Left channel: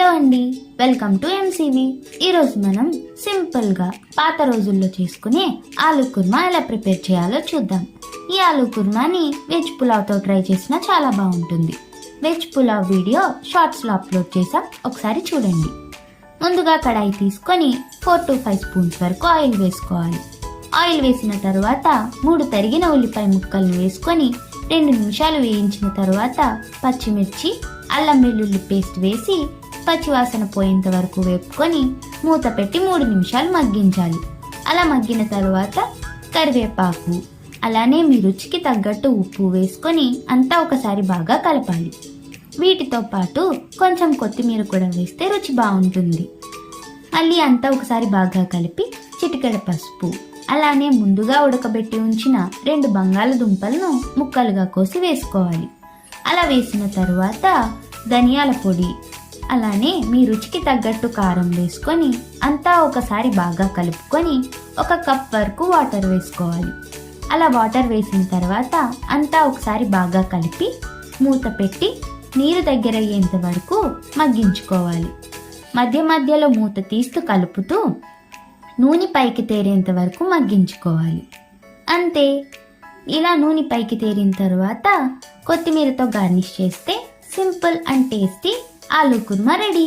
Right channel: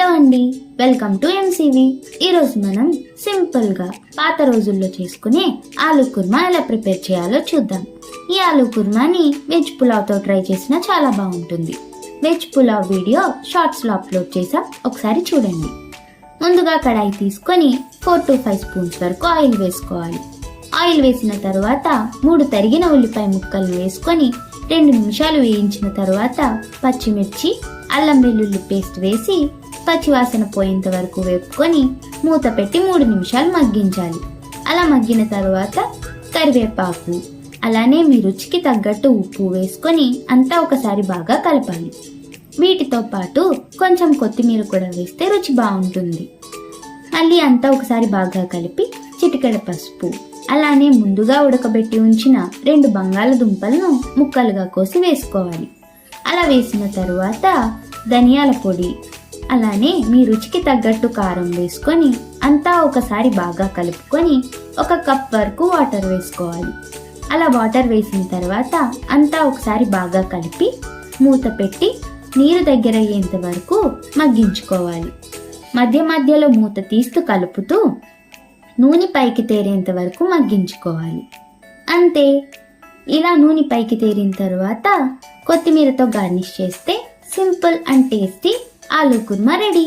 Hello అండి, welcome to MCV. ఈరోజు మనం సింపుల్గా పాత రోజుల్లో చేసుకునే ఆలూ కుర్మా ఎలా ప్రిపేర్ చేయాలో చూద్దాం. ఈ ఆలూ కుర్మాని వెజ్ పులావ్తో ట్రై చేసినా చాలా బాగుంటుంది. వెజ్ పులావ్ వీడియో షార్ట్స్లో అప్లోడ్ చేసాం, ఒకసారి చూడండి. ముందుగా కడాయి తీసుకొని 4 to 5 స్పూన్స్ వరకు ఆయిల్ వేసుకోవాలి. ఆయిల్ వేసిన తర్వాత 3 తరిగిన ఉల్లిపాయ ముక్కలు వేసుకొని 2 నిమిషాలు వేయించిన తర్వాత పచ్చిమిర్చి, అల్లం వెల్లుల్లి పేస్ట్ వేసి పచ్చివాసన పోయేంత వరకు వేపుకొని మూత పెట్టి 3 నిమిషాలు మగ్గించాలి. అలా మగ్గిన తర్వాత కరివేపాకు, అలానే మీ రుచికి తగ్గట్టు ఉప్పు వేసుకొని అంతా ఒకసారి బాగా కలపాలి. వీటితో పాటు కొంచెం కొత్తిమీర కూడా వేస్తే రుచి బాగుంటుంది. మళ్ళీ అంతా ఒకసారి బాగా కలిపి చిటికెడ పసుపు, అలానే ముందుగా ఉడకబెట్టి ఉంచిన 2 బంగాళదుంపలను ముక్కలుగా కోసి వేసుకోవాలి. అలా వేసిన తర్వాత ధనియాల పొడి, అలానే మీ రుచికి తగ్గట్టు కారం వేసుకొని అంతా ఒకసారి బాగా కలుపుకొని 1 కప్ వరకు వాటర్ వేసుకోవాలి. అలా వాటర్ వేసిన తర్వాత అంతా ఒకసారి బాగా కలిపి మూత పెట్టి నీరు దగ్గర అయ్యేంత వరకు మగ్గించుకోవాలి. మధ్య మధ్యలో మూత తీస్తూ కలుపుతూ నూనె పైకి తేరేంత వరకు మగ్గించుకోవాలి. అంతే, ఇలా నూనె పైకి తేరిన తర్వాత కొత్తిమీరతో గార్నిష్ చేస్తే simple and tasty aloo kurma ready.